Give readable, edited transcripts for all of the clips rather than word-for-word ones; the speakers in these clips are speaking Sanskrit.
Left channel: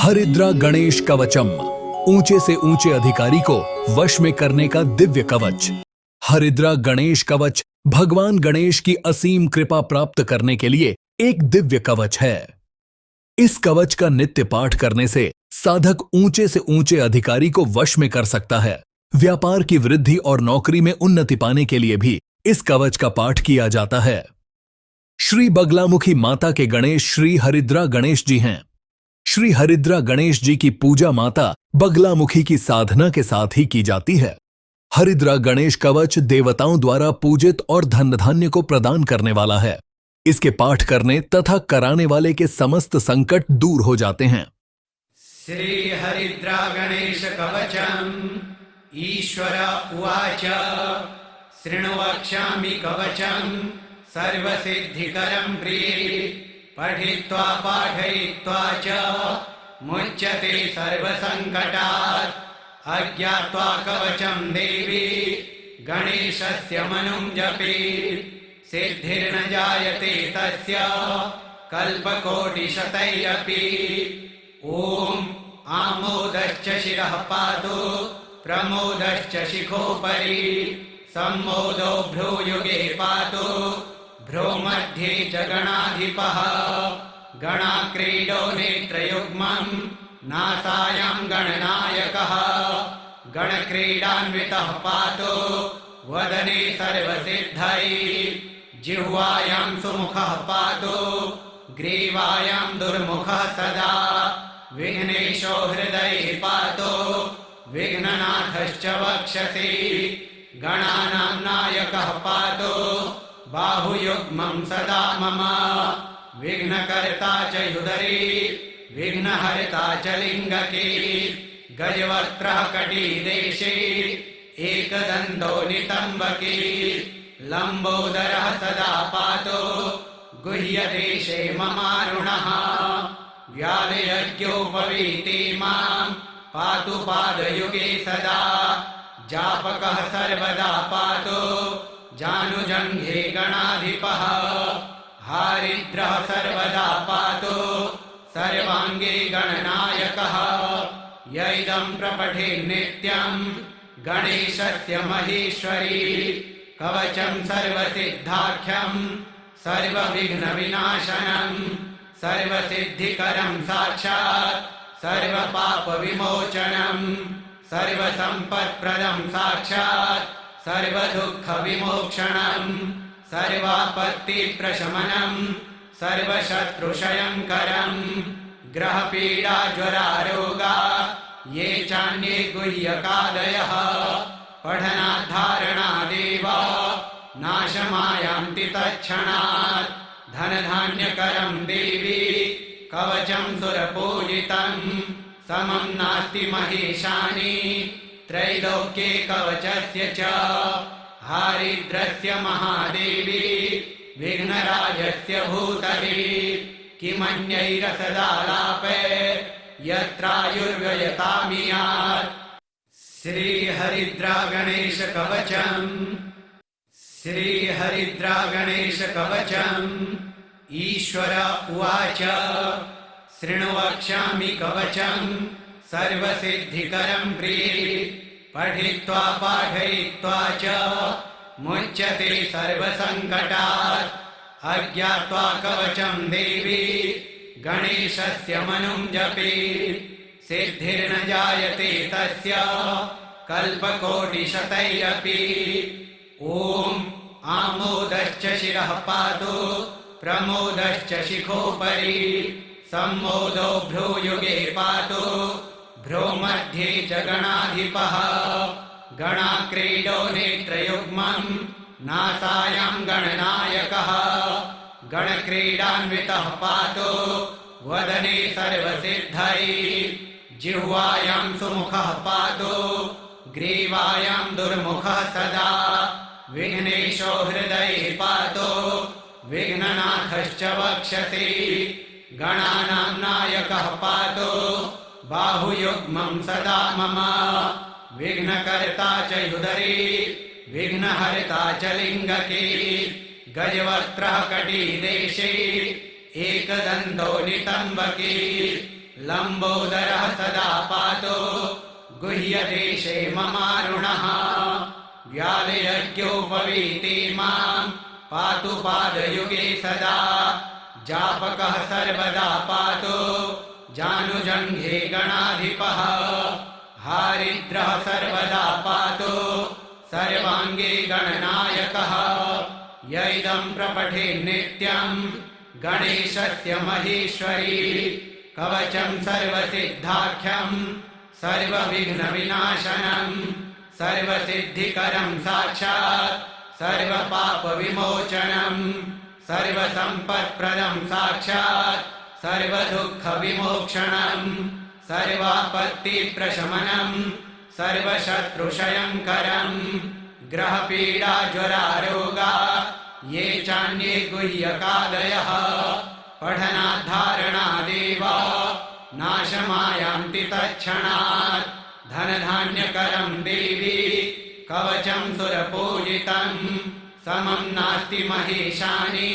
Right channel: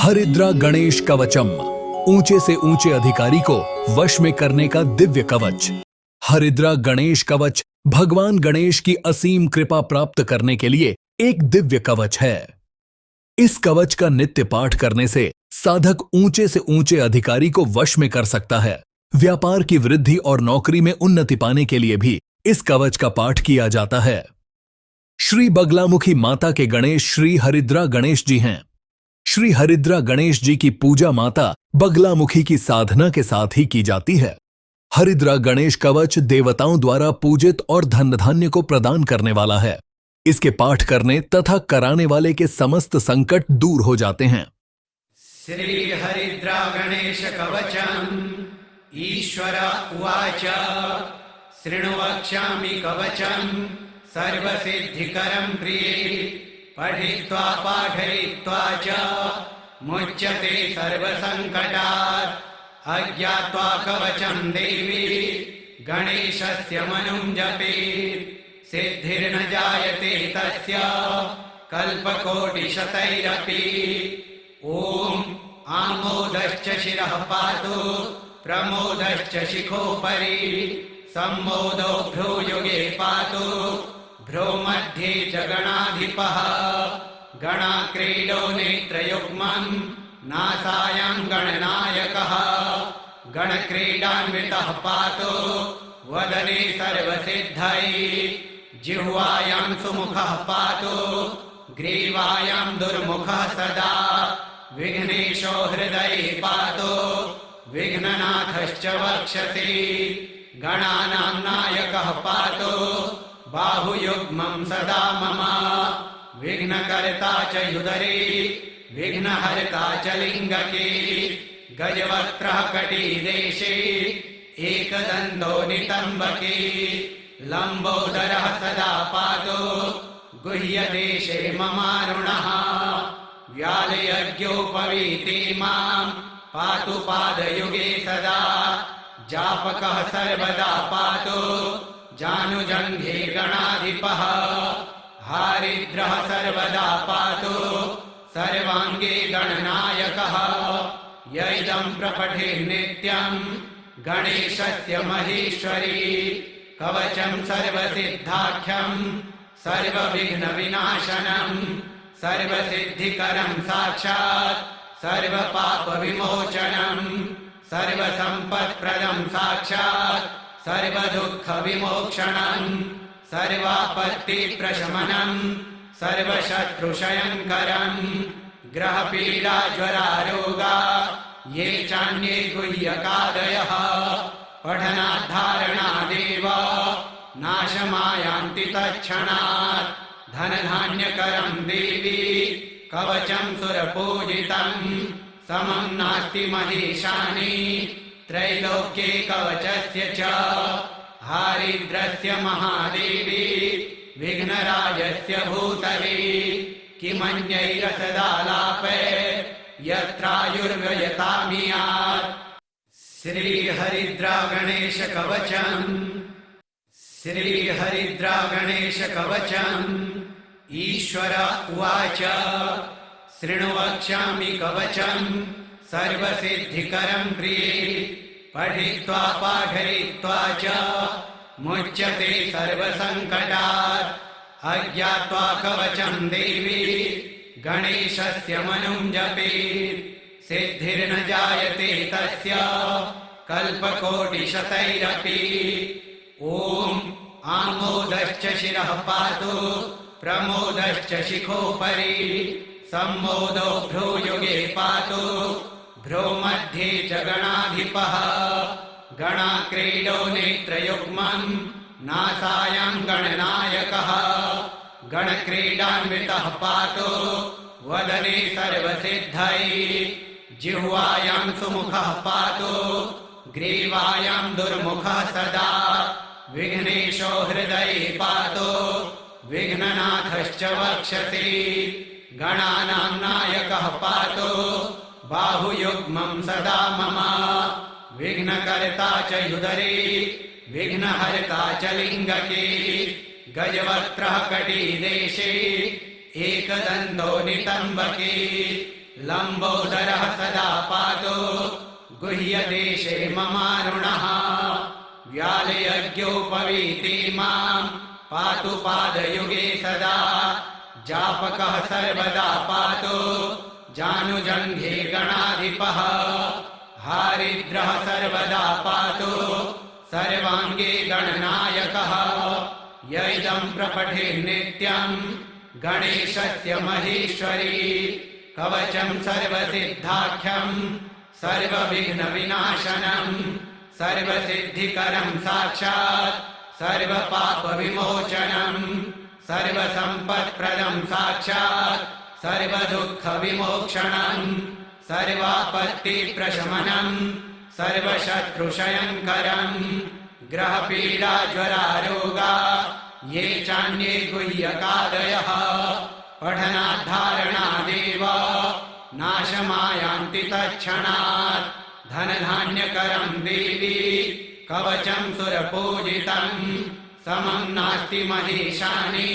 हरिद्रा गणेश कवचम, ऊंचे से ऊंचे अधिकारी को वश में करने का दिव्य कवच। हरिद्रा गणेश कवच भगवान गणेश की असीम कृपा प्राप्त करने के लिए एक दिव्य कवच है। इस कवच का नित्य पाठ करने से साधक ऊंचे से ऊंचे अधिकारी को वश में कर सकता है। व्यापार की वृद्धि और नौकरी में उन्नति पाने के लिए भी इस कवच का पाठ किया जाता है। श्री बगलामुखी माता के गणेश श्री हरिद्रा गणेश जी हैं। श्री हरिद्रा गणेश जी की पूजा माता बगलामुखी की साधना के साथ ही की जाती है। हरिद्रा गणेश कवच देवताओं द्वारा पूजित और धन धान्य को प्रदान करने वाला है। इसके पाठ करने तथा कराने वाले के समस्त संकट दूर हो जाते हैं। श्री हरिद्रा गणेश कवचम ईश्वर उवाच शृण्वक्ष्यामि कवचम सर्वसिद्धिकरं प्रिये पठित्वा पाठयित्वा च मुच्यते सर्वसङ्कटात् अज्ञात्वा कवचं देवी गणेशस्य मनुं जपेत् सिद्धिर्न जायते तस्य कल्पकोटिशतैरपि। ॐ आमोदश्च शिरः पातु प्रमोदश्च शिखोपरि सम्मोदो भ्रूयुगे पातु भ्रो मध्ये च गणाधिपः गणाक्रीडो नेत्रयुग्मं नासायां गणनायकः गणक्रीडान्वितः पातु वदने सर्वसिद्धैः जिह्वायां सुमुखः पातु ग्रीवायां दुर्मुखः सदा विघ्नेशो हृदये पातु विघ्ननाथश्च वक्षसि गणानां नायकः पातु बाहुयुग्मं सदा मम विघ्नकर्ता च ह्युदरे विघ्नहर्ता च लिङ्गके गजवक्त्रः कटिदेशे एकदन्तो नितम्बके लम्बोदरः सदा पातु गुह्यदेशे ममारुणः व्यालयज्ञोपवीते मां पातु पादयुगे सदा जापकः सर्वदा पातु जानुजङ्घे गणाधिपः हारिद्रः सर्वदा पातु सर्वाङ्गे गणनायकः य इदं प्रपठेन्नित्यं गणेशस्य महेश्वरी कवचं सर्वसिद्धाख्यं सर्वविघ्नविनाशनं सर्वसिद्धिकरं साक्षात् सर्वपापविमोचनं सर्वसम्पत्प्रदं साक्षात् सर्वदुःखविमोक्षणं सर्वापत्तिप्रशमनं सर्वशत्रुक्षयङ्करं ग्रहपीडाज्वरारोगा ये चान्ये गुह्यकादयः पठनाद्धारणादेव नाशमायान्ति तत्क्षणात् धनधान्यकरं देवी कवचं सुरपूजितं समं नास्ति महेशानि त्रैलोक्ये कवचस्य च हारिद्रस्य महादेवी विघ्नराजस्य भूतले किमन्यैरसदालापे यत्रायुर्व्ययतामियात्। श्रीहरिद्रा गणेश कवचम् श्रीहरिद्रा गणेश कवचम् ईश्वर उवाच शृण्वक्ष्यामि कवचम् सर्वसिद्धिकरं प्रिये पठित्वा पाठयित्वा च मुच्यते सर्वसङ्कटात् अज्ञात्वा कवचं देवी गणेशस्य मनुं जपेत् सिद्धिर्न जायते तस्य कल्पकोटिशतैरपि। ॐ आमोदश्च शिरः पातु प्रमोदश्च शिखोपरि सम्मोदो भ्रूयुगे पातु भ्रो मध्ये च गणाधिपः गणाक्रीडो नेत्रयुग्मं नासायां गणनायकः गणक्रीडान्वितः पातु वदने सर्वसिद्धैः जिह्वायां सुमुखः पातु ग्रीवायां दुर्मुखः सदा विघ्नेशो हृदये पातु विघ्ननाथश्च वक्षसि गणानां नायकः पातु बाहुयुग्मं सदा मम विघ्नकर्ता च ह्युदरे विघ्नहर्ता च लिङ्गके गजवक्त्रः कटिदेशे एकदन्तो नितम्बके लम्बोदरः सदा पातु गुह्यदेशे ममारुणः व्यालयज्ञोपवीते मां पातु पादयुगे सदा जापकः सर्वदा पातु जानुजङ्घे गणाधिपः हारिद्रः सर्वदा पातु सर्वाङ्गे गणनायकः य इदं प्रपठेन्नित्यं गणेशस्य महेश्वरी कवचं सर्वसिद्धाख्यं सर्वविघ्नविनाशनं सर्वसिद्धिकरं साक्षात् सर्वपापविमोचनं सर्वसम्पत्प्रदं साक्षात् सर्वदुःखविमोक्षणं सर्वापत्तिप्रशमनं सर्वशत्रुक्षयङ्करं ग्रहपीडाज्वरारोगा ये चान्ये गुह्यकादयः पठनाद्धारणादेव नाशमायान्ति तत्क्षणात् धनधान्यकरं देवी कवचं सुरपूजितं समं नास्ति महेशानि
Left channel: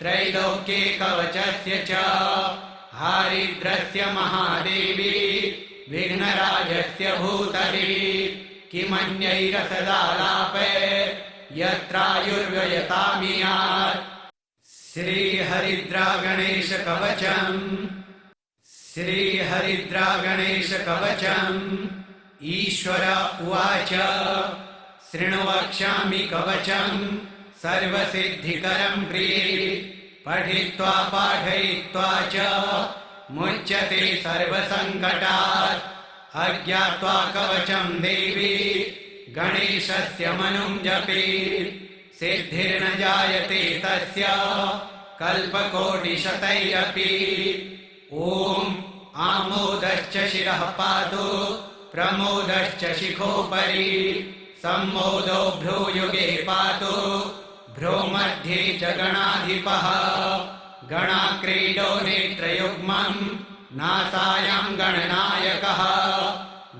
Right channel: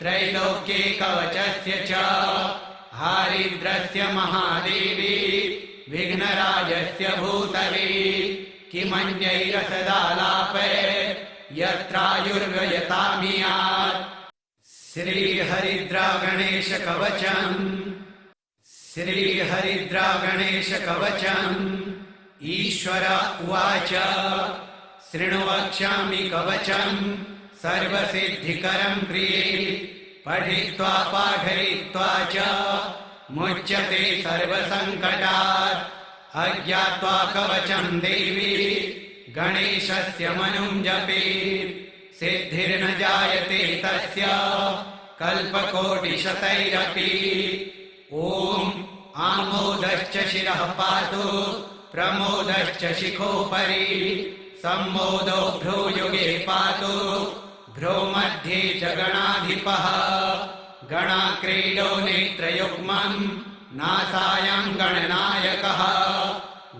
त्रैलोक्ये कवचस्य च हारिद्रस्य महादेवी विघ्नराजस्य भूतले किमन्यैरसदालापे यत्रायुर्व्ययतामियात् श्रीहरिद्रागणेशकवचम् श्रीहरिद्रागणेशकवचम् ईश्वर उवाच शृणु वक्ष्यामि कवचम् सर्वसिद्धिकरं प्रिये पठित्वा पाठयित्वा च मुच्यते सर्वसङ्कटात् अज्ञात्वा कवचं देवी गणेशस्य मनुं जपेत् सिद्धिर्न जायते तस्य कल्पकोटिशतैरपि ॐ आमोदश्च शिरः पातु प्रमोदश्च शिखोपरि सम्मोदो भ्रूयुगे पातु भ्रूमध्ये च गणाधिपः गणाक्रीडो नेत्रयुग्मं नासायां गणनायकः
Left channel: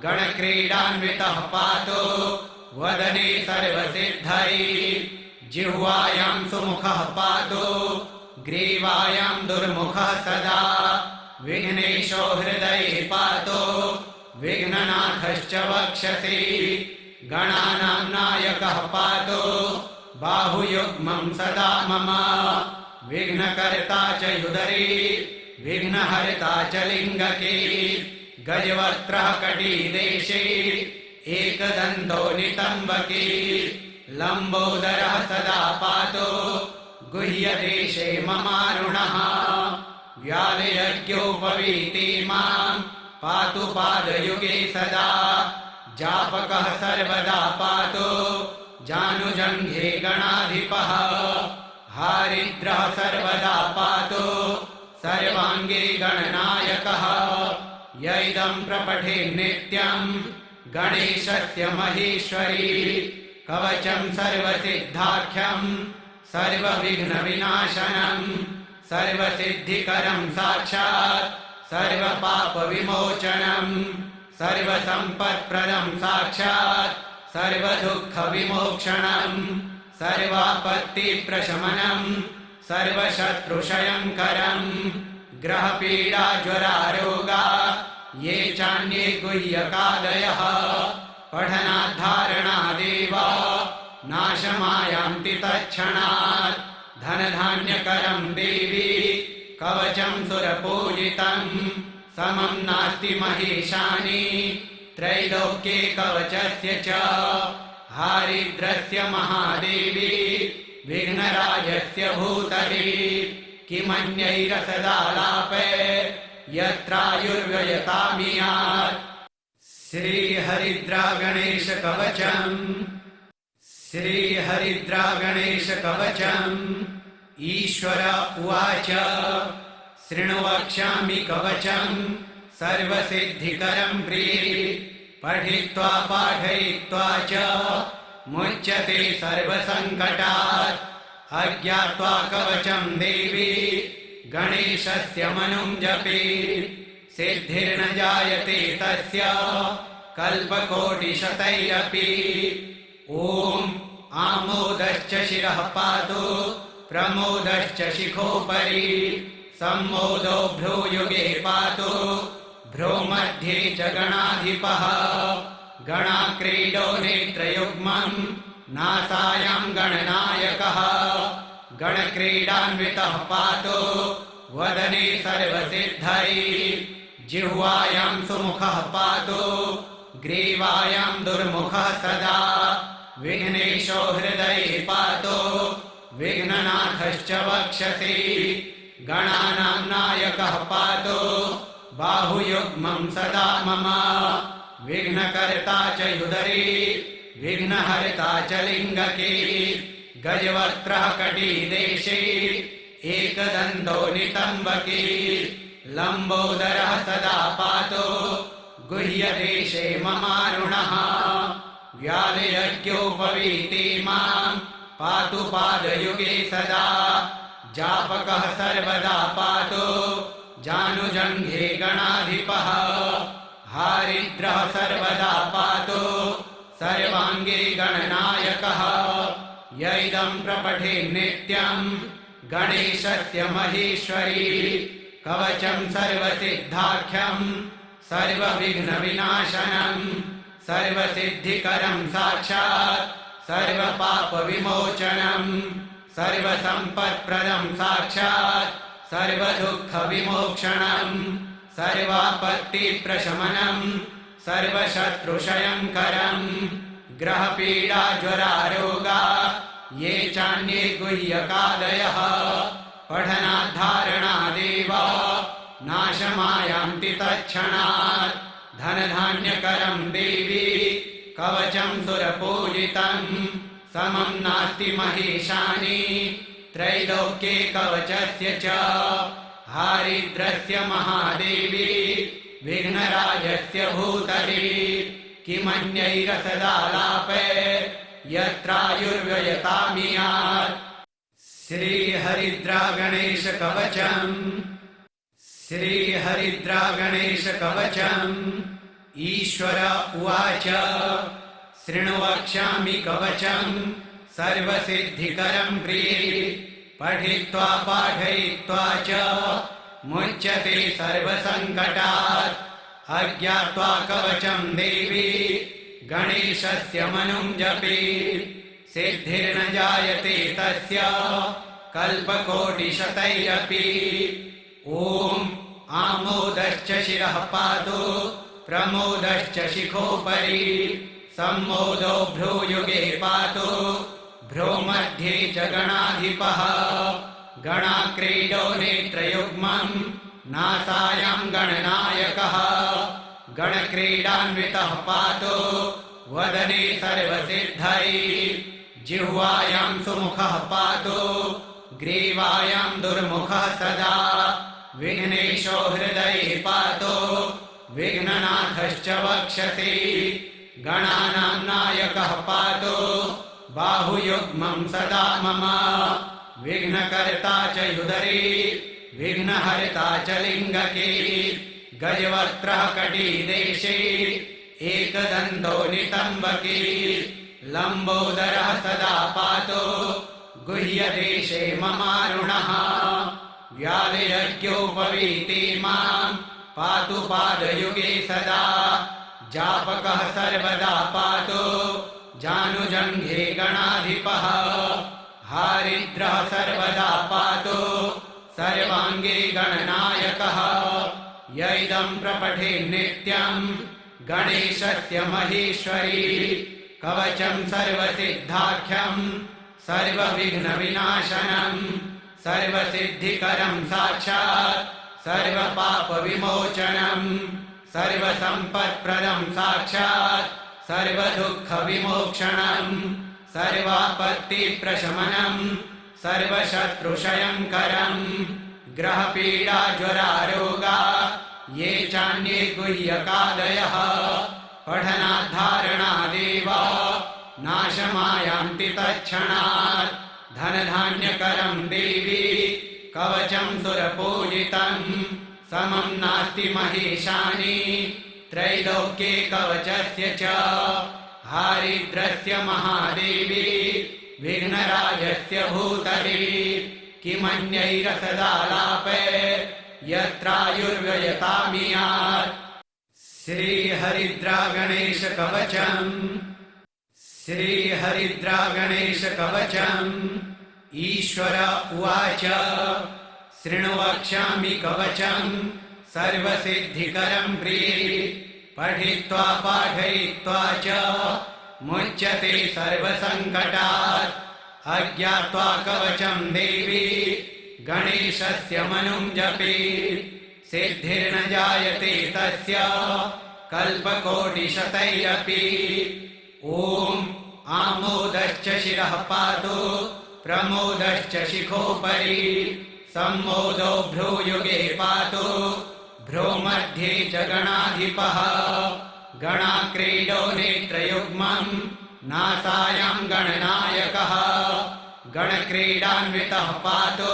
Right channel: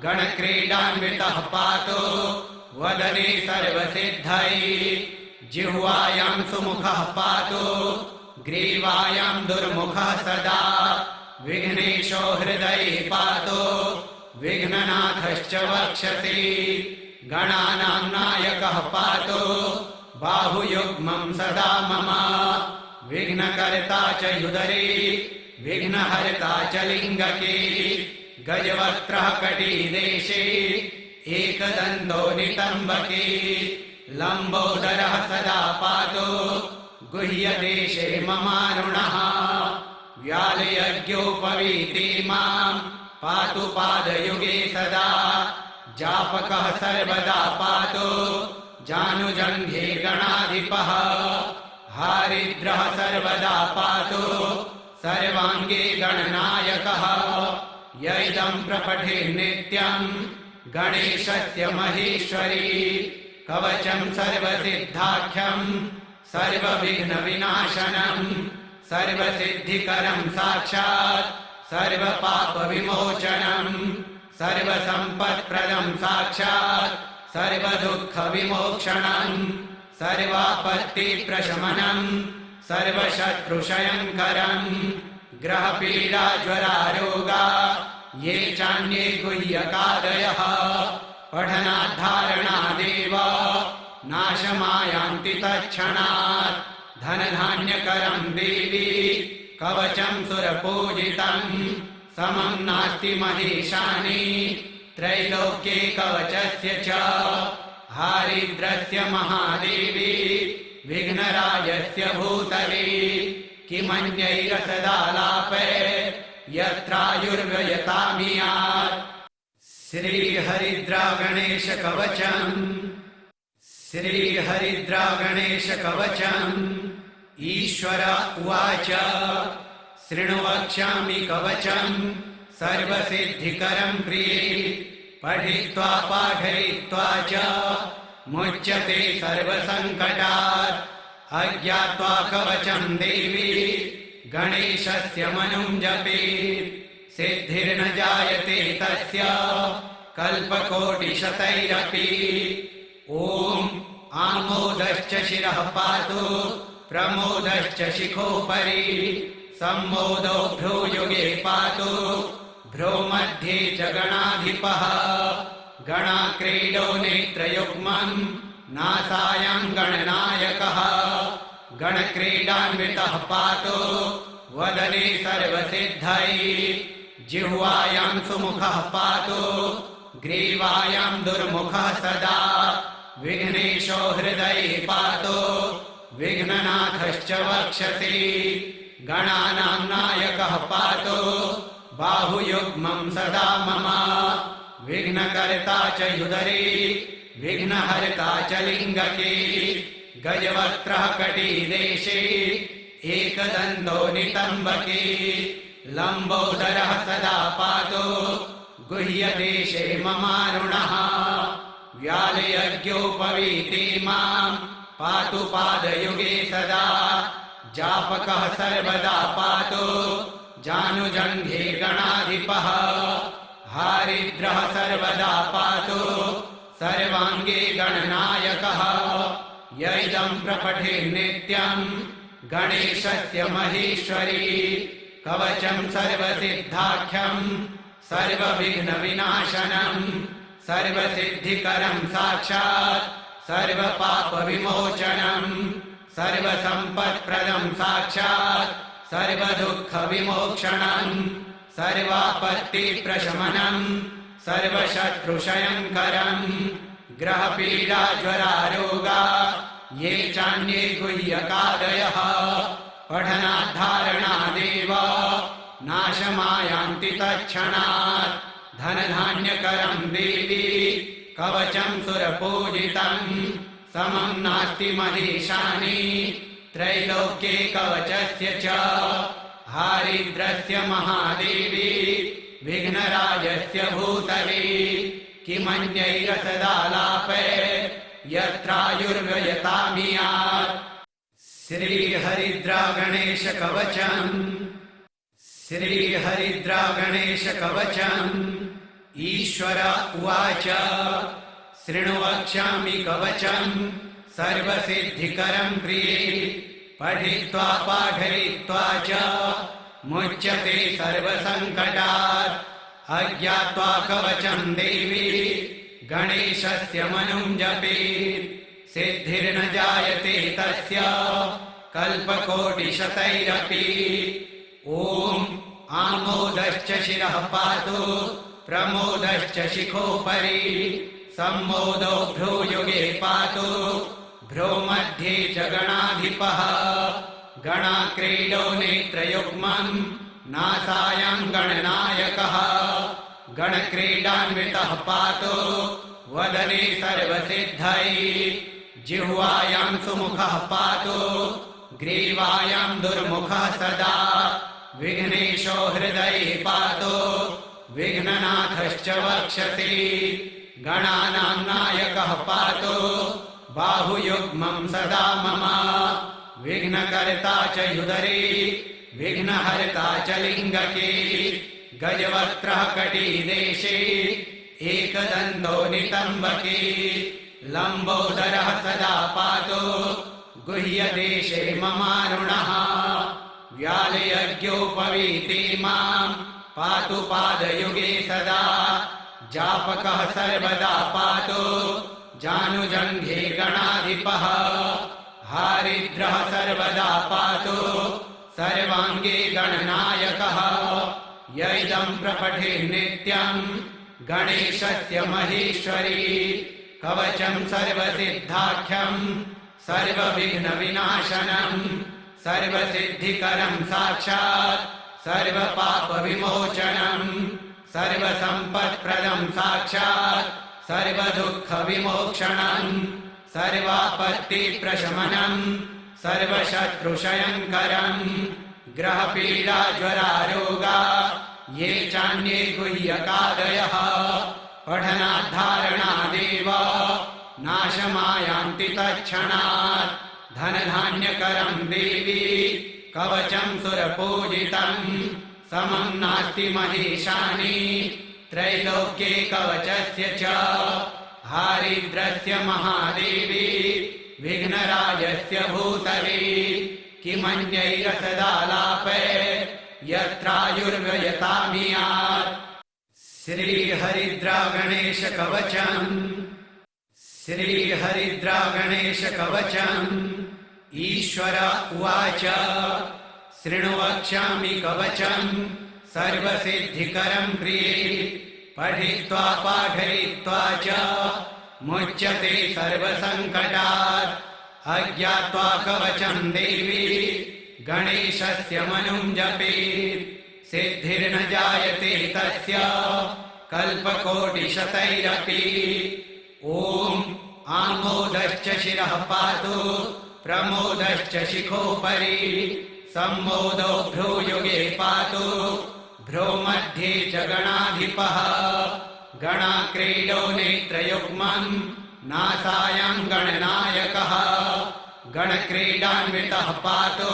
गणक्रीडान्वितः पातु वदने सर्वसिद्धैः जिह्वायां सुमुखः पातु ग्रीवायां दुर्मुखः सदा विघ्नेशो हृदये पातु विघ्ननाथश्च वक्षसि गणानां नायकः पातु बाहुयुग्मं सदा मम विघ्नकर्ता च ह्युदरे विघ्नहर्ता च लिङ्गके गजवक्त्रः कटिदेशे एकदन्तो नितम्बके लम्बोदरः सदा पातु गुह्यदेशे ममारुणः व्यालयज्ञोपवीते मां पातु पादयुगे सदा जापकः सर्वदा पातु जानुजङ्घे गणाधिपः हारिद्रः सर्वदा पातु सर्वाङ्गे गणनायकः य इदं प्रपठेन्नित्यं गणेशस्य महेश्वरी कवचं सर्वसिद्धाख्यं सर्वविघ्नविनाशनं सर्वसिद्धिकरं साक्षात् सर्वपापविमोचनं सर्वसम्पत्प्रदं साक्षात् सर्वदुःखविमोक्षणं सर्वापत्तिप्रशमनं सर्वशत्रुक्षयङ्करं ग्रहपीडाज्वरारोगा ये चान्ये गुह्यकादयः पठनाद्धारणादेव नाशमायान्ति तत्क्षणात् धनधान्यकरं देवी कवचं सुरपूजितं समं नास्ति महेशानि त्रैलोक्ये कवचस्य च हारिद्रस्य महादेवी विघ्नराजस्य भूतले किमन्यैरसदालापे यत्रायुर्व्ययतामियात् श्रीहरिद्रागणेशकवचम् श्रीहरिद्रागणेशकवचम् ईश्वर उवाच शृणु वक्ष्यामि कवचम् सर्वसिद्धिकरं प्रिये पठित्वा पाठयित्वा च मुच्यते सर्वसङ्कटात् अज्ञात्वा कवचं देवी गणेशस्य मनुं जपेत् सिद्धिर्न जायते तस्य कल्पकोटिशतैरपि ॐ आमोदश्च शिरः पातु प्रमोदश्च शिखोपरि सम्मोदौ भ्रूयुगे पातु भ्रूमध्ये च गणाधिपः गणाक्रीडो नेत्रयुग्मम् नासायां गणनायकः गणक्रीडान्वितः पातु वदने सर्वसिद्धैः जिह्वायां सुमुखः पातु ग्रीवायां दुर्मुखः सदा विघ्नेशो हृदये पातु विघ्ननाथश्च वक्षसि गणानां नायकः पातु बाहुयुग्मं सदा मम विघ्नकर्ता च हृदये विघ्नहर्ता च लिङ्गके गजवक्त्रः कटिदेशे एकदन्तो नितम्बके लम्बोदरः सदा पातु गुह्यदेशे ममारुणः व्यालयज्ञोपवीते मां पातु पादयुगे सदा जापकः सर्वदा पातु जानुजङ्घे गणाधिपः हारिद्रः सर्वदा पातु सर्वाङ्गे गणनायकः य इदं प्रपठेन्नित्यम् गणेशस्य महेश्वरी कवचं सर्वसिद्धाख्यं सर्वविघ्नविनाशनं सर्वसिद्धिकरं साक्षात् सर्वपापविमोचनं सर्वसम्पत्प्रदं साक्षात् सर्वदुःखविमोक्षणं सर्वापत्तिप्रशमनं सर्वशत्रुक्षयङ्करं ग्रहपीडाज्वरारोगा ये चान्ये गुह्यकादयः पठनाद्धारणादेव नाशमायान्ति तत्क्षणात् धनधान्यकरं देवी कवचं सुरपूजितं समं नास्ति महेशानि त्रैलोक्ये कवचस्य च हारिद्रस्य महादेवी विघ्नराजस्य भूतले किमन्यैरसदालापैर्यत्रायुर्व्ययतामियात् श्रीहरिद्रागणेशकवचम् श्रीहरिद्रागणेशकवचम् ईश्वर उवाच शृणु वक्ष्यामि कवचम् सर्वसिद्धिकरं प्रिये पठित्वा पाठयित्वा च मुच्यते सर्वसङ्कटात् अज्ञात्वा कवचं देवी गणेशस्य मनुं जपेत् सिद्धिर्न जायते तस्य कल्पकोटिशतैरपि ॐ आमोदश्च शिरः पातु प्रमोदश्च शिखोपरि सम्मोदौ भ्रूयुगे पातु भ्रूमध्ये च गणाधिपः गणाक्रीडो नेत्रयुग्मं नासायां गणनायकः गणक्रीडान्वितः पातु वदने सर्वसिद्धैः जिह्वायां सुमुखः पातु ग्रीवायां दुर्मुखः सदा विघ्नेशो हृदये पातु विघ्ननाथश्च वक्षसि गणानां नायकः पातु बाहुयुग्मं सदा मम विघ्नकर्ता च हृदये विघ्नहर्ता च लिङ्गके गजवक्त्रः कटिदेशे एकदन्तो नितम्बके लम्बोदरः सदा पातु गुह्यदेशे ममारुणः व्यालयज्ञोपवीते मां पातु पादयुगे सदा जापकः सर्वदा पातु जानुजङ्घे गणाधिपः हारिद्रः सर्वदा पातु सर्वाङ्गे गणनायकः य इदं प्रपठेन्नित्यम् गणेशस्य महेश्वरी कवचं सर्वसिद्धाख्यं सर्वविघ्नविनाशनं सर्वसिद्धिकरं साक्षात् सर्वपापविमोचनं सर्वसम्पत्प्रदं साक्षात् सर्वदुःखविमोक्षणं सर्वापत्तिप्रशमनं सर्वशत्रुक्षयङ्करं ग्रहपीडाज्वरारोगा ये चान्ये गुह्यकादयः पठनाद्धारणादेव नाशमायान्ति तत्क्षणात् धनधान्यकरं देवी कवचं सुरपूजितं समं नास्ति महेशानि त्रैलोक्ये कवचस्य च हारिद्रस्य महादेवी विघ्नराजस्य भूतले किमन्यैरसदालापैर्यत्रायुर्व्ययतामियात्। श्रीहरिद्रागणेशकवचम्। श्रीहरिद्रागणेशकवचम्। ईश्वर उवाच शृणु वक्ष्यामि कवचम् सर्वसिद्धिकरम् प्रिये। पठित्वा पाठयित्वा च मुच्यते सर्वसङ्कटात्। अज्ञात्वा कवचम् देवी गणेशस्य मनुम् जपेत्। सिद्धिर्न जायते तस्य कल्पकोटिशतैरपि। ॐ आमोदश्च शिरः पातु प्रमोदश्च शिखोपरि। सम्मोदो भ्रूयुगे पातु भ्रो मध्ये च गणाधिपः। गणाक्रीडो नेत्रयुग्मम् नासायाम् गणनायकः। गणक्रीडान्वितः पातु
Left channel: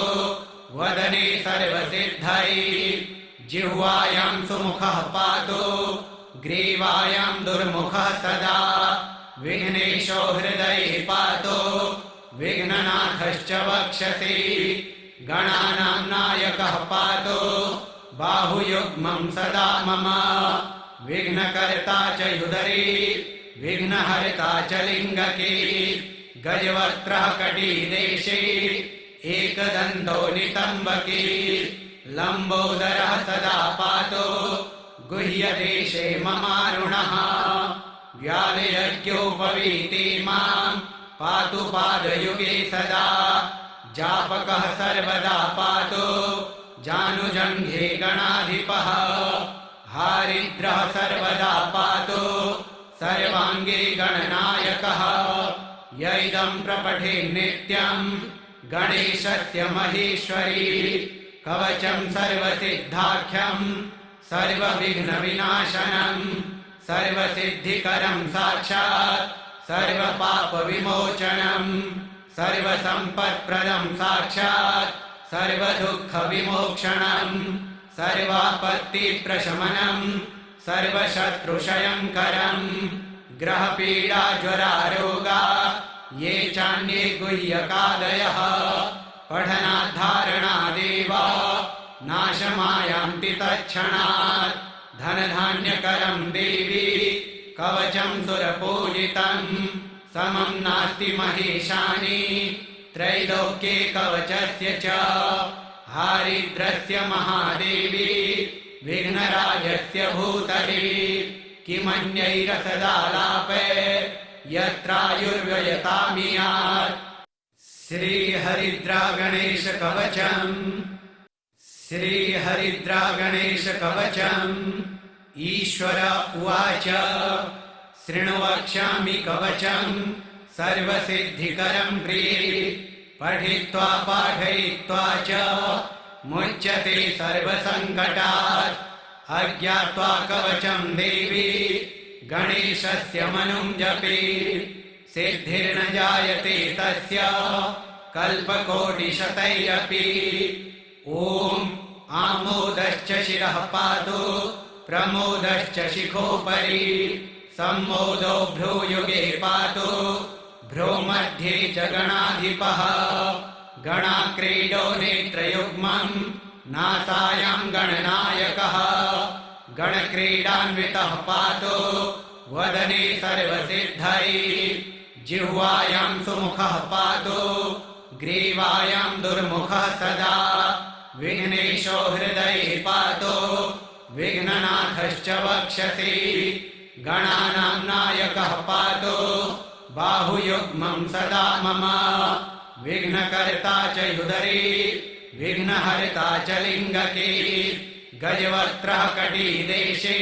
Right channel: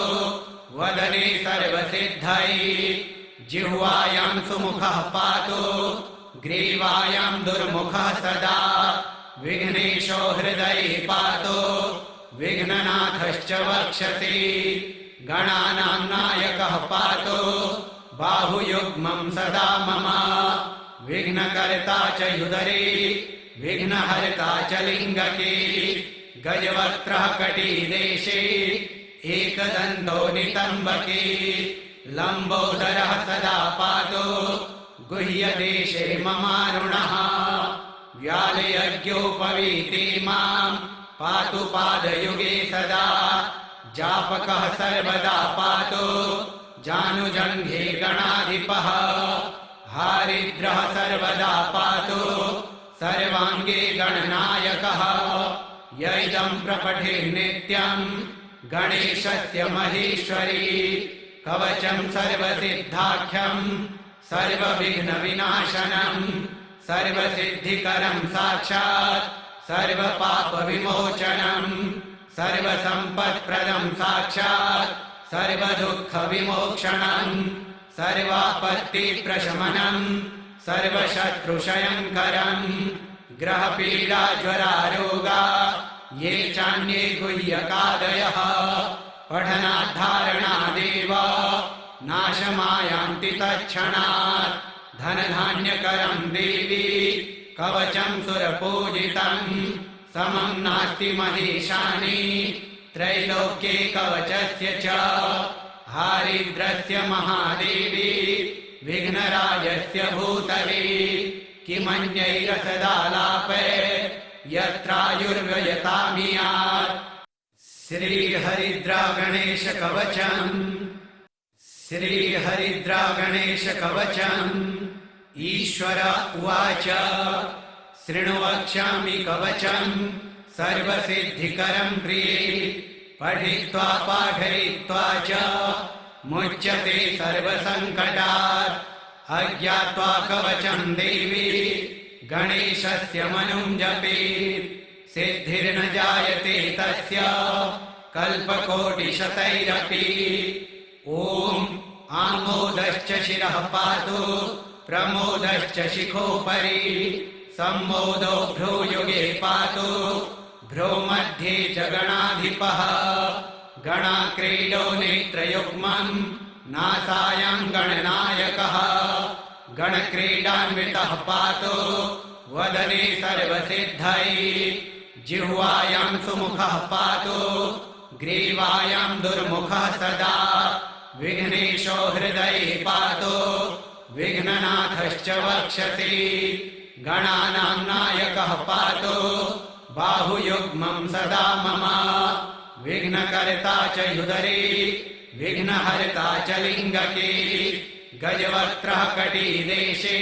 वदने सर्वसिद्धैः। जिह्वायाम् सुमुखः पातु ग्रीवायाम् दुर्मुखः सदा। विघ्नेशो हृदये पातु विघ्ननाथश्च वक्षसि। गणानाम् नायकः पातु बाहुयुग्मम् सदा मम। विघ्नकर्ता च ह्युदरे विघ्नहर्ता च लिङ्गके। गजवक्त्रः कटीदेशे एकदन्तो नितम्बके। लम्बोदरः सदा पातु गुह्यदेशे ममारुणः। व्यालयज्ञोपवीते माम् पातु पादयुगे सदा। जापकः सर्वदा पातु जानुजङ्घे गणाधिपः। हारिद्रः सर्वदा पातु सर्वाङ्गे गणनायकः। य इदम् प्रपठेन्नित्यम् गणेशस्य महेश्वरी। कवचम् सर्वसिद्धाख्यम् सर्वविघ्नविनाशनम्। सर्वसिद्धिकरम् साक्षात् सर्वपापविमोचनम्। सर्वसम्पत्प्रदम् साक्षात् सर्वदुःखविमोक्षणम्। सर्वापत्तिप्रशमनम् सर्वशत्रुशयङ्करम्। ग्रहपीडाज्वरारोगा ये चान्ये गुह्यकादयः। पठनाद्धारणादेव नाशमायान्ति तत्क्षणात्। धनधान्यकरम् देवी कवचम् सुरपूजितम्। समम् नास्ति महेशानि त्रैलोक्ये कवचस्य च। हारिद्रस्य महादेवी विघ्नराजस्य भूतले। किमन्यैरसदालापैर्यत्रायुर्व्ययतामियात्। श्रीहरिद्रागणेशकवचम्। श्रीहरिद्रागणेशकवचम्। ईश्वर उवाच शृणु वक्ष्यामि कवचम् सर्वसिद्धिकरम् प्रिये। पठित्वा पाठयित्वा च मुच्यते सर्वसङ्कटात्। अज्ञात्वा कवचम् देवी गणेशस्य मनुम् जपेत्। सिद्धिर्न जायते तस्य कल्पकोटिशतैरपि। ॐ आमोदश्च शिरः पातु प्रमोदश्च शिखोपरि। सम्मोदो भ्रूयुगे पातु भ्रो मध्ये च गणाधिपः। गणाक्रीडो नेत्रयुग्मम् नासायाम् गणनायकः। गणक्रीडान्वितः पातु वदने सर्वसिद्धैः। जिह्वायाम् सुमुखः पातु ग्रीवायाम् दुर्मुखः सदा। विघ्नेशो हृदये पातु विघ्ननाथश्च वक्षसि। गणानाम् नायकः पातु बाहुयुग्मम् सदा मम। विघ्नकर्ता च ह्युदरे विघ्नहर्ता च लिङ्गके। गजवक्त्रः कटीदेशे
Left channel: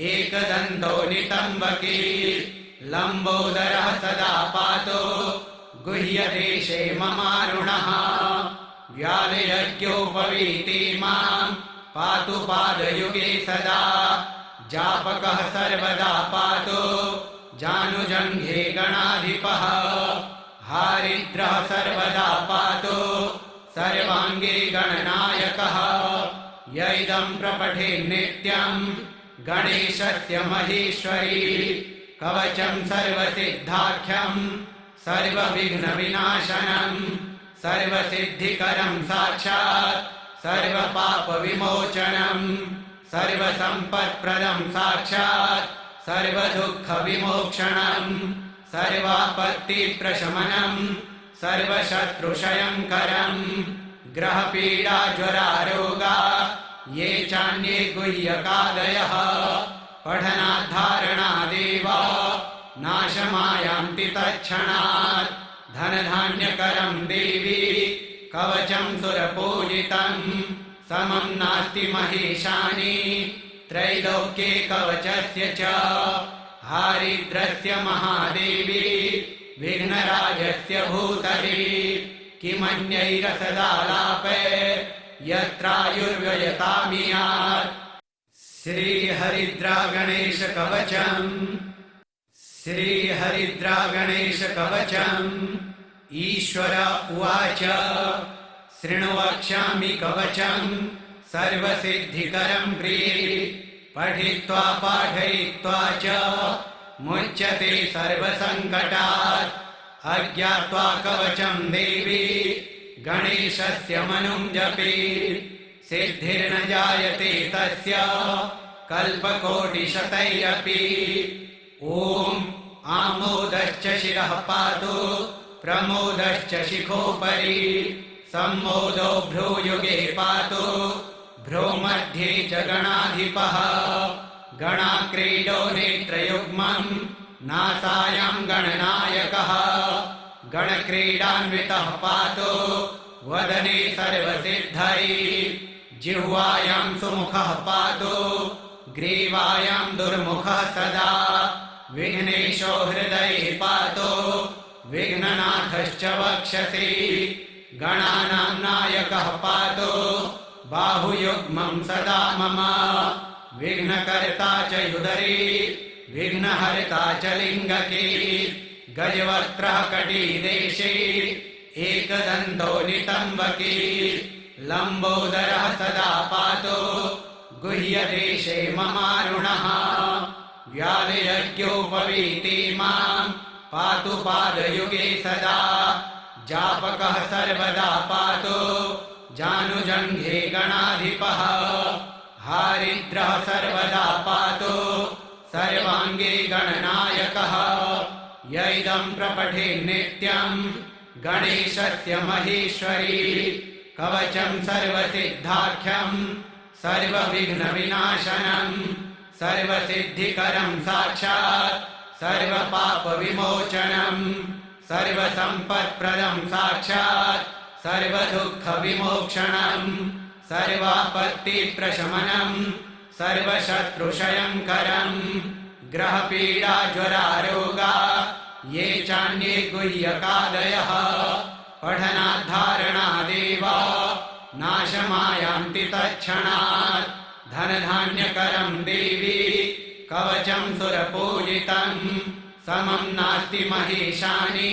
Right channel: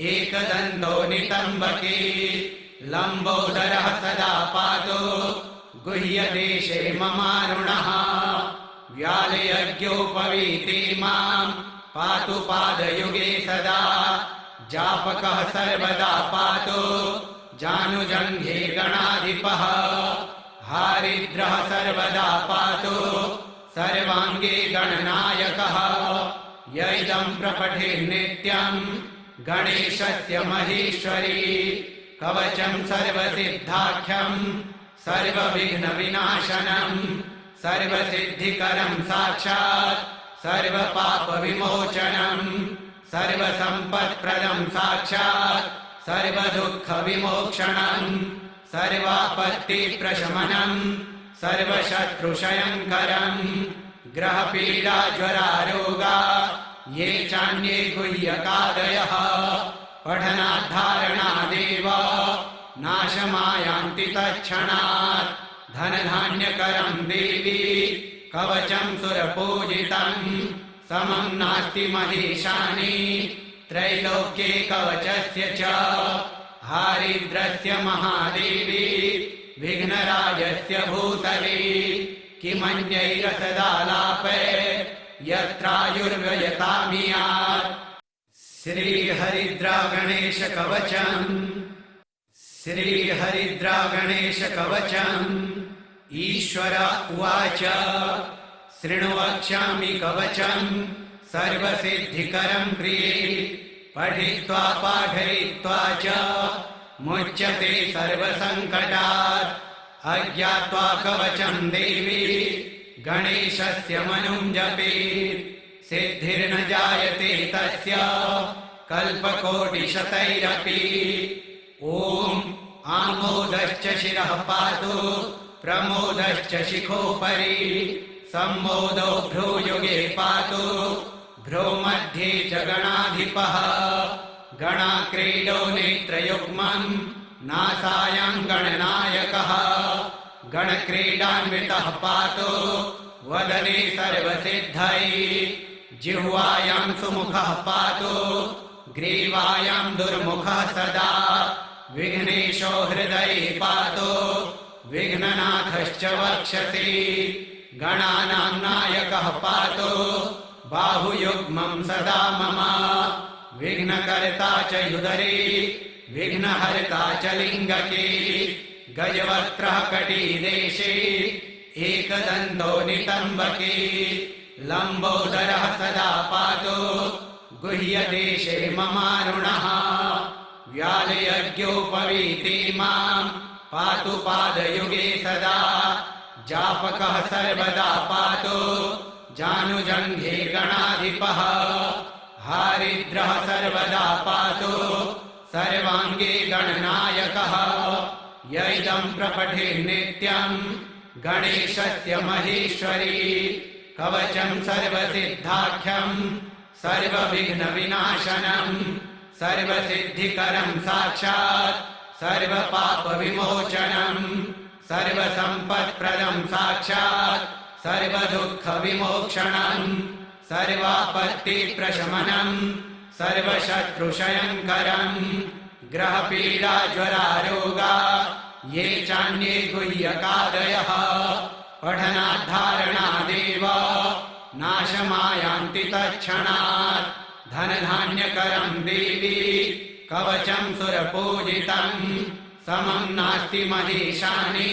एकदन्तो नितम्बके। लम्बोदरः सदा पातु गुह्यदेशे ममारुणः। व्यालयज्ञोपवीते माम् पातु पादयुगे सदा। जापकः सर्वदा पातु जानुजङ्घे गणाधिपः। हारिद्रः सर्वदा पातु सर्वाङ्गे गणनायकः। य इदम् प्रपठेन्नित्यम् गणेशस्य महेश्वरी। कवचम् सर्वसिद्धाख्यम् सर्वविघ्नविनाशनम्। सर्वसिद्धिकरं साक्षात् सर्वपापविमोचनं सर्वसम्पत्प्रदं साक्षात् सर्वदुःखविमोक्षणं सर्वापत्तिप्रशमनं सर्वशत्रुक्षयङ्करं ग्रहपीडाज्वरारोगा ये चान्ये गुह्यकादयः पठनाद्धारणादेव नाशमायान्ति तत्क्षणात् धनधान्यकरं देवी कवचं सुरपूजितं समं नास्ति महेशानि त्रैलोक्ये कवचस्य च हारिद्रस्य महादेवी विघ्नराजस्य भूतले किमन्यैरसदालापे यत्रायुर्व्ययतामियात् श्रीहरिद्रागणेशकवचम् श्रीहरिद्रागणेशकवचम् ईश्वर उवाच शृणु वक्ष्यामि कवचम् सर्वसिद्धिकरं प्रिये पठित्वा पाठयित्वा च मुच्यते सर्वसङ्कटात् अज्ञात्वा कवचं देवी गणेशस्य मनुं जपेत् सिद्धिर्न जायते तस्य कल्पकोटिशतैरपि ॐ आमोदश्च शिरः पातु प्रमोदश्च शिखोपरि सम्मोदो भ्रूयुगे पातु भ्रूमध्ये च गणाधिपः गणाक्रीडो नेत्रयुग्मं नासायां गणनायकः गणक्रीडान्वितः पातु वदने सर्वसिद्धैः जिह्वायां सुमुखः पातु ग्रीवायां दुर्मुखः सदा विघ्नेशो हृदये पातु विघ्ननाथश्च वक्षसि गणानां नायकः पातु बाहुयुग्मं सदा मम विघ्नकर्ता च युदरे विघ्नहर्ता च लिङ्गके गजवक्त्रः कटिदेशे एकदन्तो नितम्बके लम्बोदरः सदा पातु गुह्यदेशे ममारुणः व्यालयज्ञोपवीति मां पातु पादयुगे सदा जापकः सर्वदा पातु जानुजङ्घे गणाधिपः हारिद्रः सर्वदा पातु सर्वाङ्गे गणनायकः य इदं प्रपठेन्नित्यं गणेशस्य महेश्वरी कवचं सर्वसिद्धाख्यं सर्वविघ्नविनाशनं सर्वसिद्धिकरं साक्षात् सर्वपापविमोचनं सर्वसम्पत्प्रदं साक्षात् सर्वदुःखविमोक्षणं सर्वापत्तिप्रशमनं सर्वशत्रुक्षयङ्करं ग्रहपीडाज्वरारोगा ये चान्ये गुह्यकादयः पठनाद्धारणादेव नाशमायान्ति तत्क्षणात् धनधान्यकरं देवी कवचं सुरपूजितं समं नास्ति महेशानि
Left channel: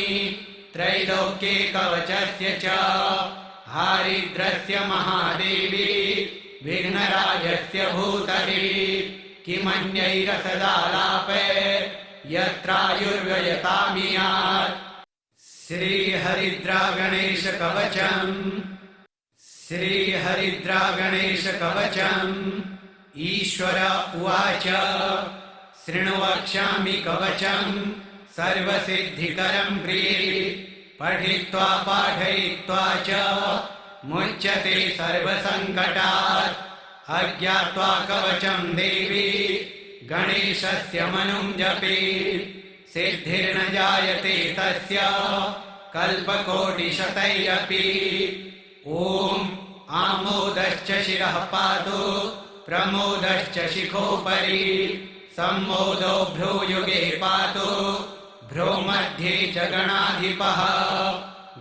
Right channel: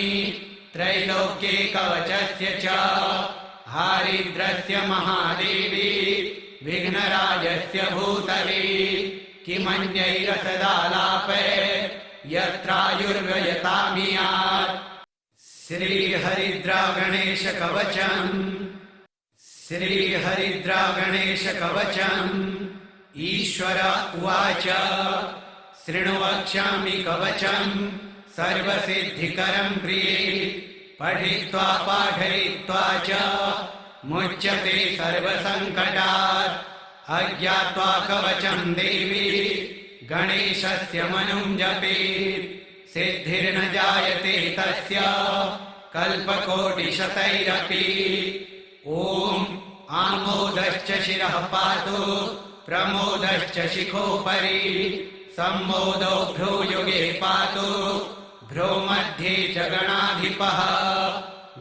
त्रैलोक्ये कवचस्य च हारिद्रस्य महादेवी विघ्नराजस्य भूतले किमन्यैरसदालापे यत्रायुर्व्ययतामियात् श्रीहरिद्रागणेशकवचम् श्रीहरिद्रागणेशकवचम् ईश्वर उवाच शृणु वक्ष्यामि कवचम् सर्वसिद्धिकरं प्रिये पठित्वा पाठयित्वा च मुच्यते सर्वसङ्कटात् अज्ञात्वा कवचं देवी गणेशस्य मनुं जपेत् सिद्धिर्न जायते तस्य कल्पकोटिशतैरपि ॐ आमोदश्च शिरः पातु प्रमोदश्च शिखोपरि सम्मोदो भ्रूयुगे पातु भ्रूमध्ये च गणाधिपः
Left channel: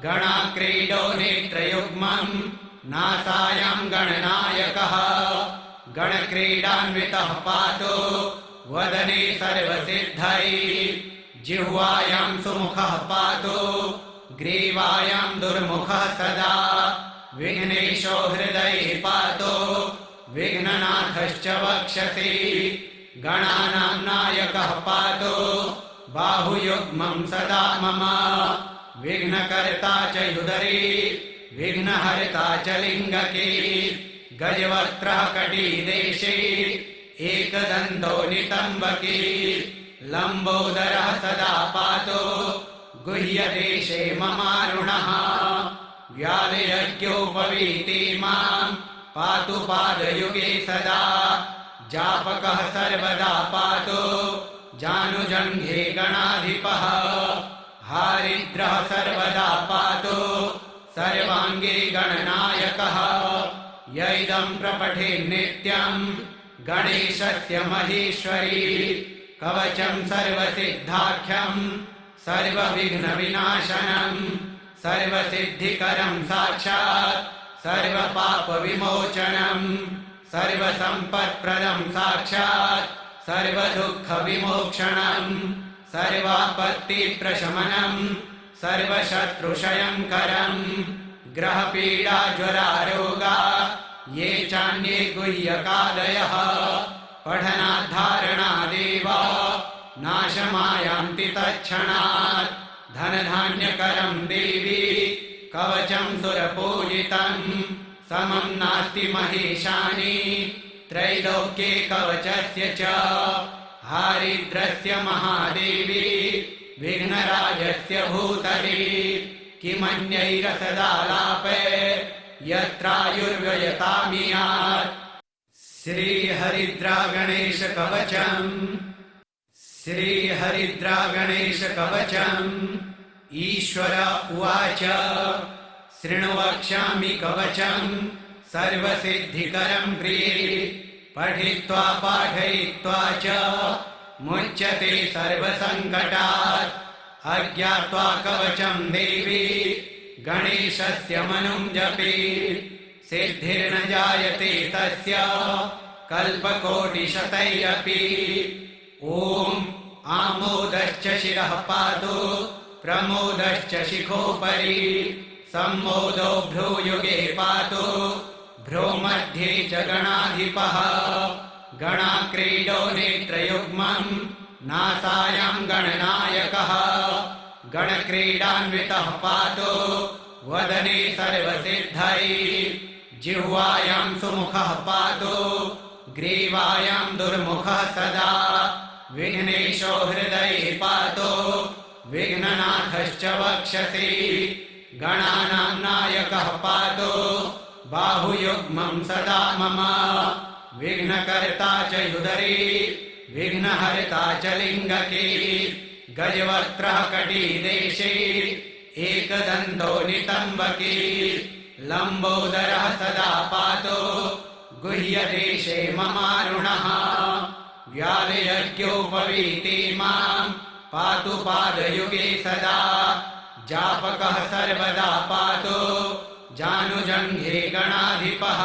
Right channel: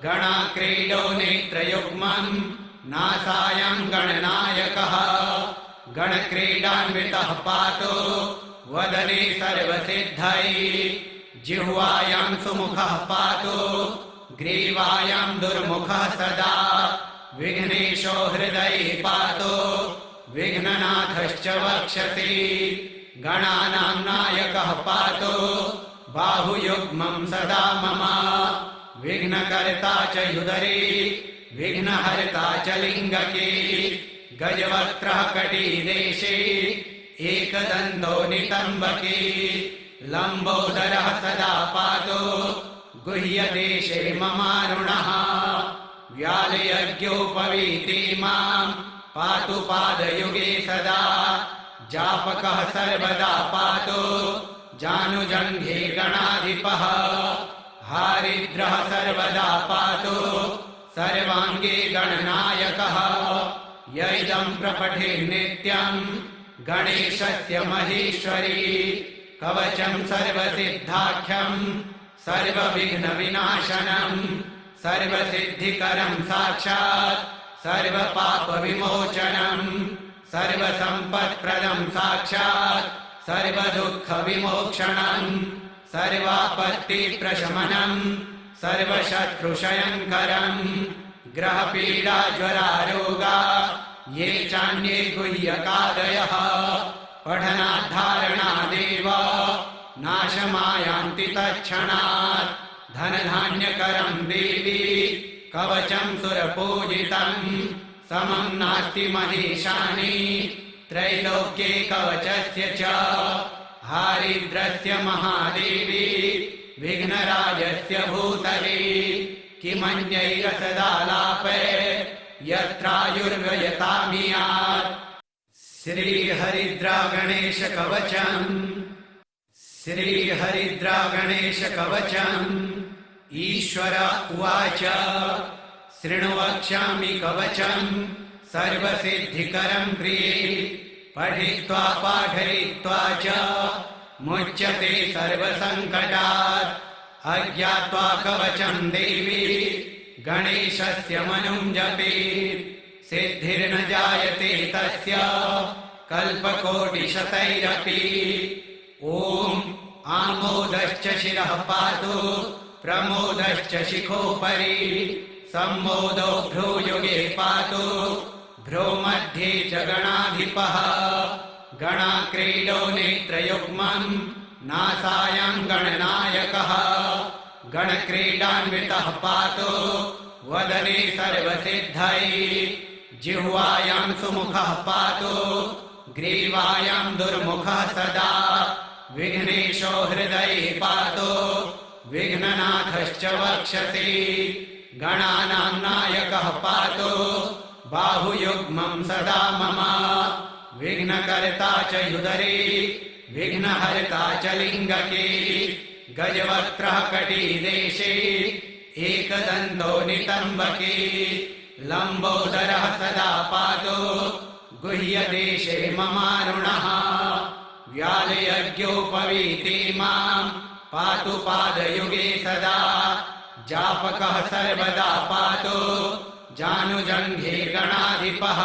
गणाक्रीडो नेत्रयुग्मं नासायां गणनायकः गणक्रीडान्वितः पातु वदने सर्वसिद्धैः जिह्वायां सुमुखः पातु ग्रीवायां दुर्मुखः सदा विघ्नेशो हृदये पातु विघ्ननाथश्च वक्षसि गणानां नायकः पातु बाहुयुग्मं सदा मम विघ्नकर्ता च ह्युदरे विघ्नहर्ता च लिङ्गके गजवक्त्रः कटिदेशे एकदन्तो नितम्बके लम्बोदरः सदा पातो गुह्यदेशे ममारुणः व्यालयज्ञोपवीते मां पातु पादयुगे सदा जापकः सर्वदा पातो जानुजङ्घे गणाधिपः हारिद्रः सर्वदा पातो सर्वाङ्गे गणनायकः य इदं प्रपठेन्नित्यं गणेशस्य महेश्वरी कवचं सर्वसिद्धाख्यं सर्वविघ्नविनाशनं सर्वसिद्धिकरं साक्षात् सर्वपापविमोचनं सर्वसम्पत्प्रदं साक्षात् सर्वदुःखविमोक्षणं सर्वापत्तिप्रशमनं सर्वशत्रुक्षयङ्करं ग्रहपीडाज्वरारोगा ये चान्ये गुह्यकादयः पठनाद्धारणादेव नाशमायान्ति तत्क्षणात् धनधान्यकरं देवी कवचं सुरपूजितं समं नास्ति महेशानि त्रैलोक्ये कवचस्य च हारिद्रस्य महादेवी विघ्नराजस्य भूतले किमन्यैरसदालापे यत्रायुर्व्ययतामियात् श्रीहरिद्रागणेशकवचम् श्रीहरिद्रागणेशकवचम् ईश्वर उवाच शृणु वक्ष्यामि कवचम् सर्वसिद्धिकरं प्रिये पठित्वा पाठयित्वा च मुच्यते सर्वसङ्कटात् अज्ञात्वा कवचं देवी गणेशस्य मनुं जपेत् सिद्धिर्न जायते तस्य कल्पकोटिशतैरपि ॐ आमोदश्च शिरः पातु प्रमोदश्च शिखोपरि सम्मोदो भ्रूयुगे पातु भ्रूमध्ये च गणाधिपः गणाक्रीडो नेत्रयुग्मं नासायां गणनायकः गणक्रीडान्वितः पातु वदने सर्वसिद्धये जिह्वायां सुमुखः पातु ग्रीवायां दुर्मुखः सदा विघ्नेशो हृदये पातु विघ्ननाथश्च वक्षसि गणानां नायकः पातु बाहुयुग्मं सदा मम विघ्नकर्ता च ह्युदरे विघ्नहर्ता च लिङ्गके गजवक्त्रः कटिदेशे एकदन्तो नितम्बके लम्बोदरः सदा पातो गुह्यदेशे ममारुणः व्यालयज्ञोपवीते मां पातु पादयुगे सदा जापकः सर्वदा पातो जानुजङ्घे गणाधिपः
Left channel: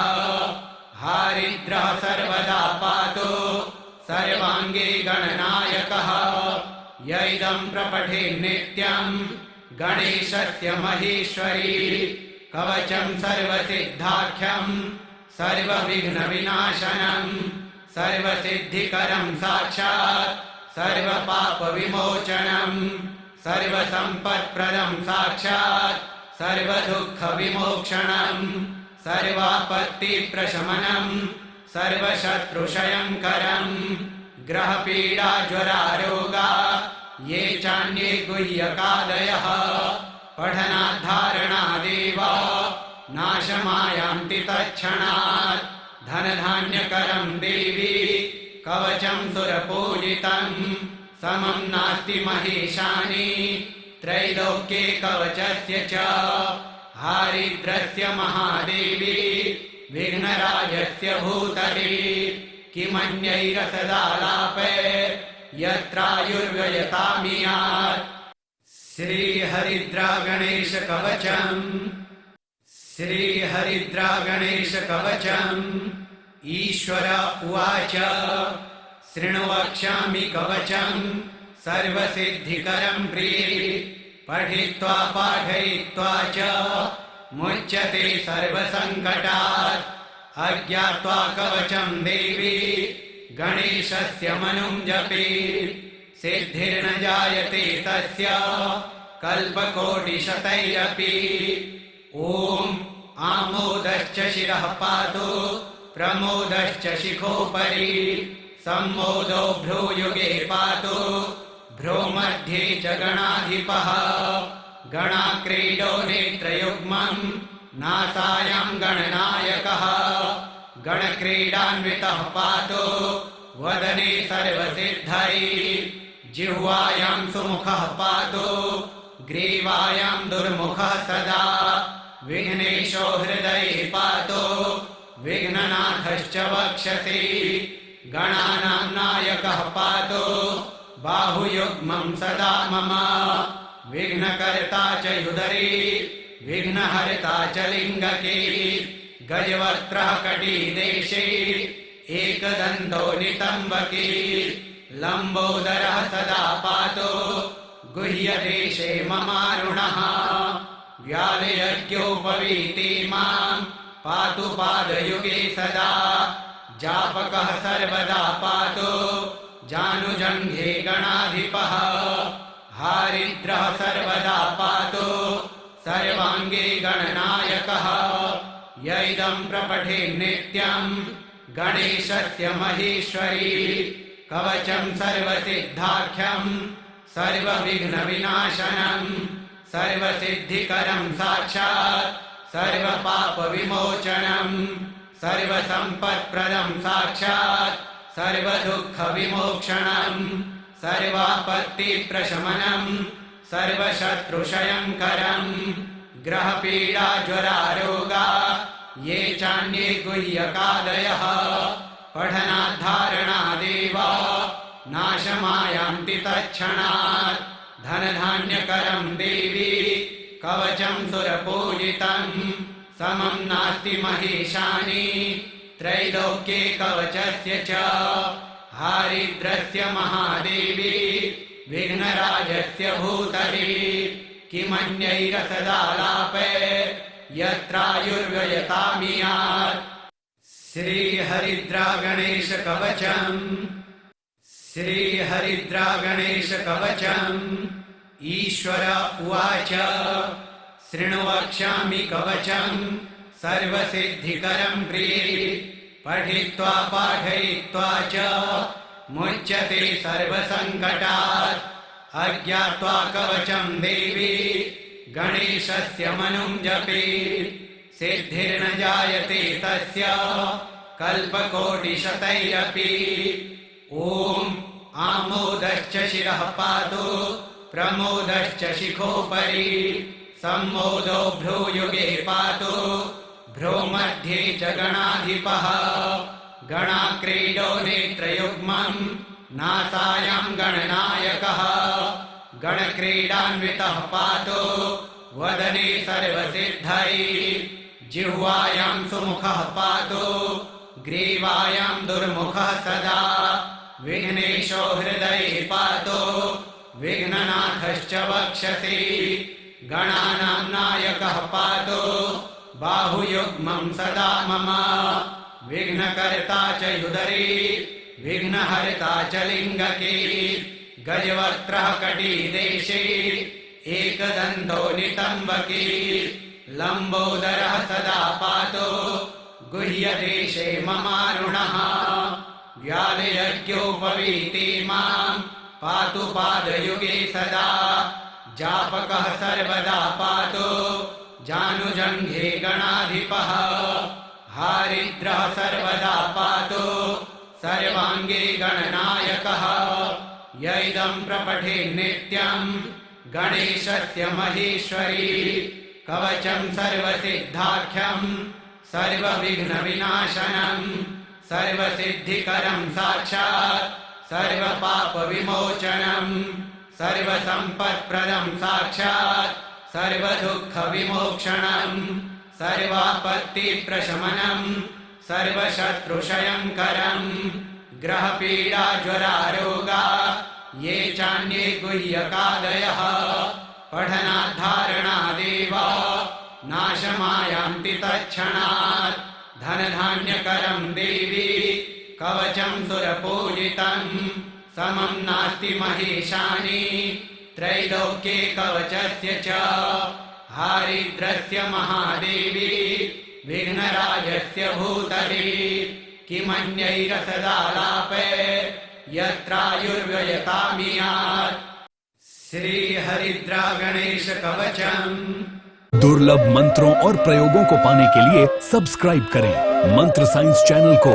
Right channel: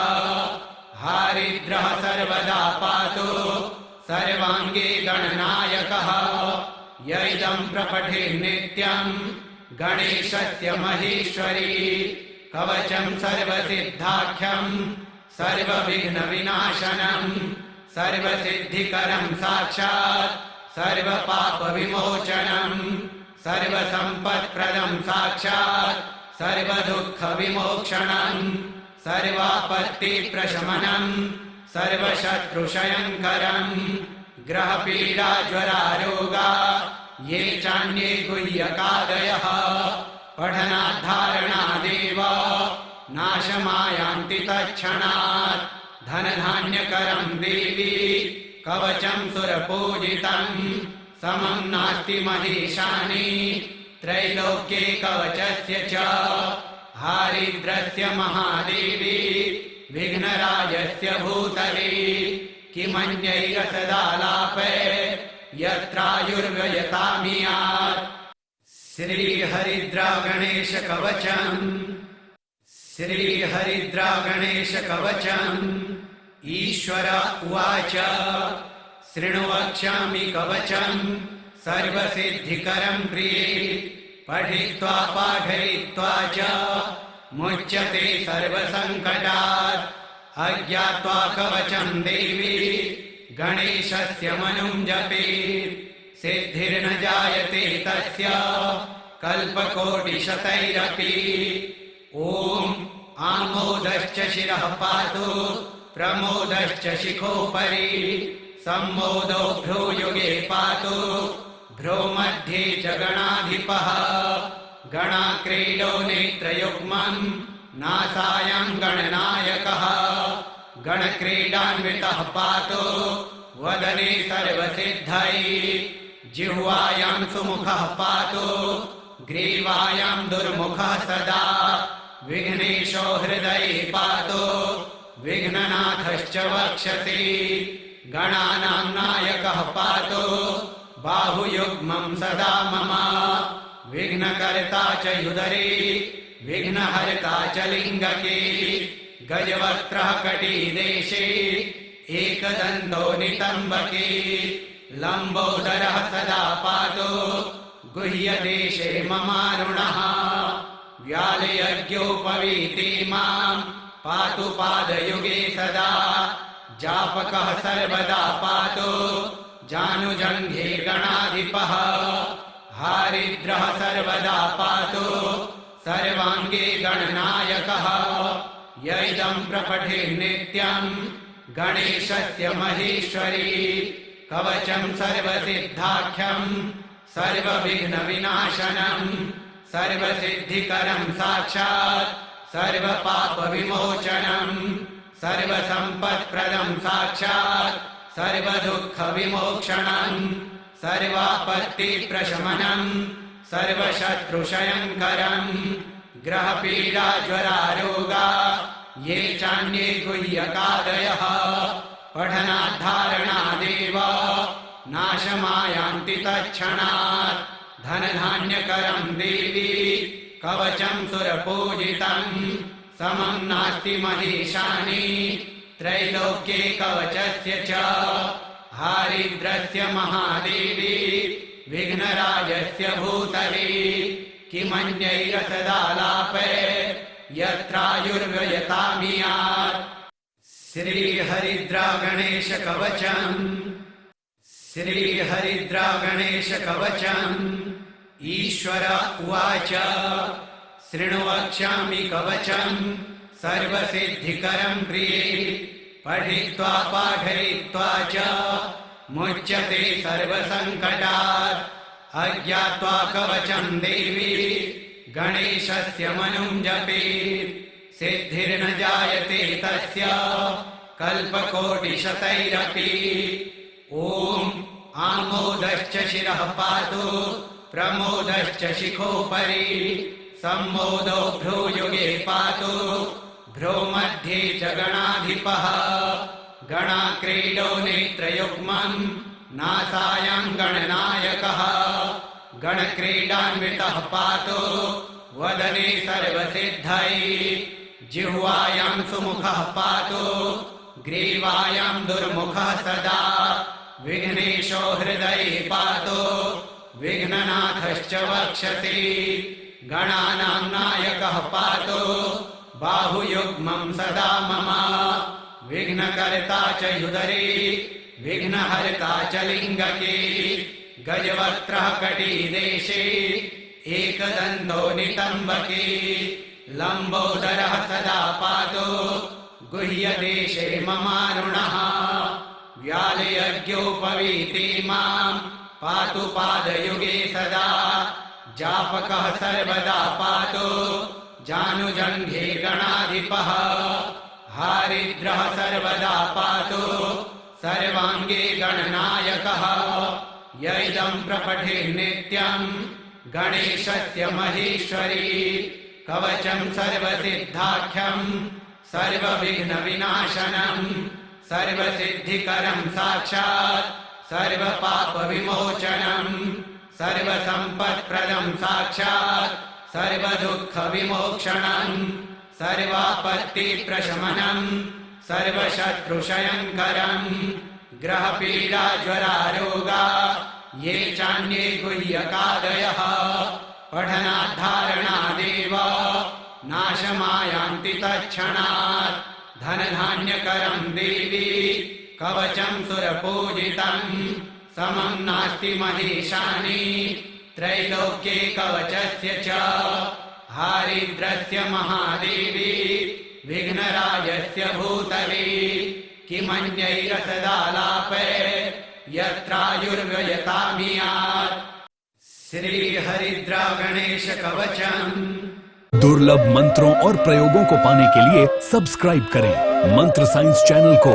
हारिद्रः सर्वदा पातो सर्वाङ्गे गणनायकः य इदं प्रपठेन्नित्यं गणेशस्य महेश्वरी कवचं सर्वसिद्धाख्यं सर्वविघ्नविनाशनं सर्वसिद्धिकरं साक्षात् सर्वपापविमोचनं सर्वसम्पत्प्रदं साक्षात् सर्वदुःखविमोक्षणं सर्वापत्तिप्रशमनं सर्वशत्रुक्षयङ्करं ग्रहपीडाज्वरारोगा ये चान्ये गुह्यकादयः पठनाद्धारणादेव नाशमायान्ति तत्क्षणात् धनधान्यकरं देवी कवचं सुरपूजितं समं नास्ति महेशानि त्रैलोक्ये कवचस्य च हारिद्रस्य महादेवी विघ्नराजस्य भूतले किमन्यैरसदालापे यत्रायुर्व्ययतामियात् श्रीहरिद्रागणेशकवचम् श्रीहरिद्रागणेशकवचम् ईश्वर उवाच शृणु वक्ष्यामि कवचम् सर्वसिद्धिकरं प्रिये पठित्वा पाठयित्वा च मुच्यते सर्वसङ्कटात् अज्ञात्वा कवचं देवी गणेशस्य मनुं जपेत् सिद्धिर्न जायते तस्य कल्पकोटिशतैरपि। ॐ आमोदश्च शिरः पातु प्रमोदश्च शिखोपरि सम्मोदो भ्रूयुगे पातु भ्रूमध्ये च गणाधिपः गणाक्रीडो नेत्रयुग्मम् नासायां गणनायकः गणक्रीडान्वितः पातु वदने सर्वसिद्धैः जिह्वायां सुमुखः पातु ग्रीवायां दुर्मुखः सदा विघ्नेशो हृदये पातु विघ्ननाथश्च वक्षसि गणानां नायकः पातु बाहुयुग्मं सदा मम विघ्नकर्ता च हृदये विघ्नहर्ता च लिङ्गके गजवक्त्रः कटिदेशे एकदन्तो नितम्बके लम्बोदरः सदा पातु गुह्यदेशे ममारुणः व्यालयज्ञोपवीति मां पातु पादयुगे सदा जापकः सर्वदा पातु जानुजङ्घे गणाधिपः हारिद्रः सर्वदा पातु सर्वाङ्गे गणनायकः य इदं प्रपठेन्नित्यम् गणेशस्य महेश्वरी कवचं सर्वसिद्धाख्यं सर्वविघ्नविनाशनं सर्वसिद्धिकरं साक्षात् सर्वपापविमोचनं सर्वसम्पत्प्रदं साक्षात् सर्वदुःखविमोक्षणं सर्वापत्तिप्रशमनं सर्वशत्रुक्षयङ्करं ग्रहपीडाज्वरारोगा ये चान्ये गुह्यकादयः पठनाद्धारणादेव नाशमायान्ति तत्क्षणात् धनधान्यकरं देवी कवचं सुरपूजितं समं नास्ति महेशानि त्रैलोक्ये कवचस्य च हारिद्रस्य महादेवी विघ्नराजस्य भूतले किमन्यैरसदालापे यत्रायुर्व्ययतामियात् श्रीहरिद्रागणेशकवचम् श्रीहरिद्रागणेशकवचम् ईश्वर उवाच शृणु वक्ष्यामि कवचम् सर्वसिद्धिकरं प्रिये पठित्वा पाठयित्वा च मुच्यते सर्वसङ्कटात् अज्ञात्वा कवचं देवी गणेशस्य मनुं जपेत् सिद्धिर्न जायते तस्य कल्पकोटिशतैरपि। ॐ आमोदश्च शिरः पातु प्रमोदश्च शिखोपरि सम्मोदो भ्रूयुगे पातु भ्रूमध्ये च गणाधिपः गणाक्रीडो नेत्रयुग्मम् नासायां गणनायकः गणक्रीडान्वितः पातु वदने सर्वसिद्धैः जिह्वायां सुमुखः पातु ग्रीवायां दुर्मुखः सदा विघ्नेशो हृदये पातु विघ्ननाथश्च वक्षसि गणानां नायकः पातु बाहुयुग्मं सदा मम विघ्नकर्ता च हृदये विघ्नहर्ता च लिङ्गके गजवक्त्रः कटिदेशे एकदन्तो नितम्बके लम्बोदरः सदा पातु गुह्यदेशे ममारुणः व्यालयज्ञोपवीति मां पातु पादयुगे सदा जापकः सर्वदा पातु जानुजङ्घे गणाधिपः हारिद्रः सर्वदा पातु सर्वाङ्गे गणनायकः य इदं प्रपठेन्नित्यं गणेशस्य महेश्वरी कवचं सर्वसिद्धाख्यं सर्वविघ्नविनाशनं सर्वसिद्धिकरं साक्षात् सर्वपापविमोचनं सर्वसम्पत्प्रदं साक्षात् सर्वदुःखविमोक्षणं सर्वापत्तिप्रशमनं सर्वशत्रुक्षयङ्करं ग्रहपीडाज्वरारोगा ये चान्ये गुह्यकादयः पठनाद्धारणादेव नाशमायान्ति तत्क्षणात् धनधान्यकरं देवी कवचं सुरपूजितं समं नास्ति महेशानि त्रैलोक्ये कवचस्य च हारिद्रस्य महादेवी विघ्नराजस्य भूतले किमन्यैरसदालापे यत्रायुर्व्ययतामियात् श्रीहरिद्रा गणेश कवचम्। दुर्लभ मंत्रों और प्रयोगों को पाने के लिए सब्सक्राइब करें मंत्र साइंस चैनल को।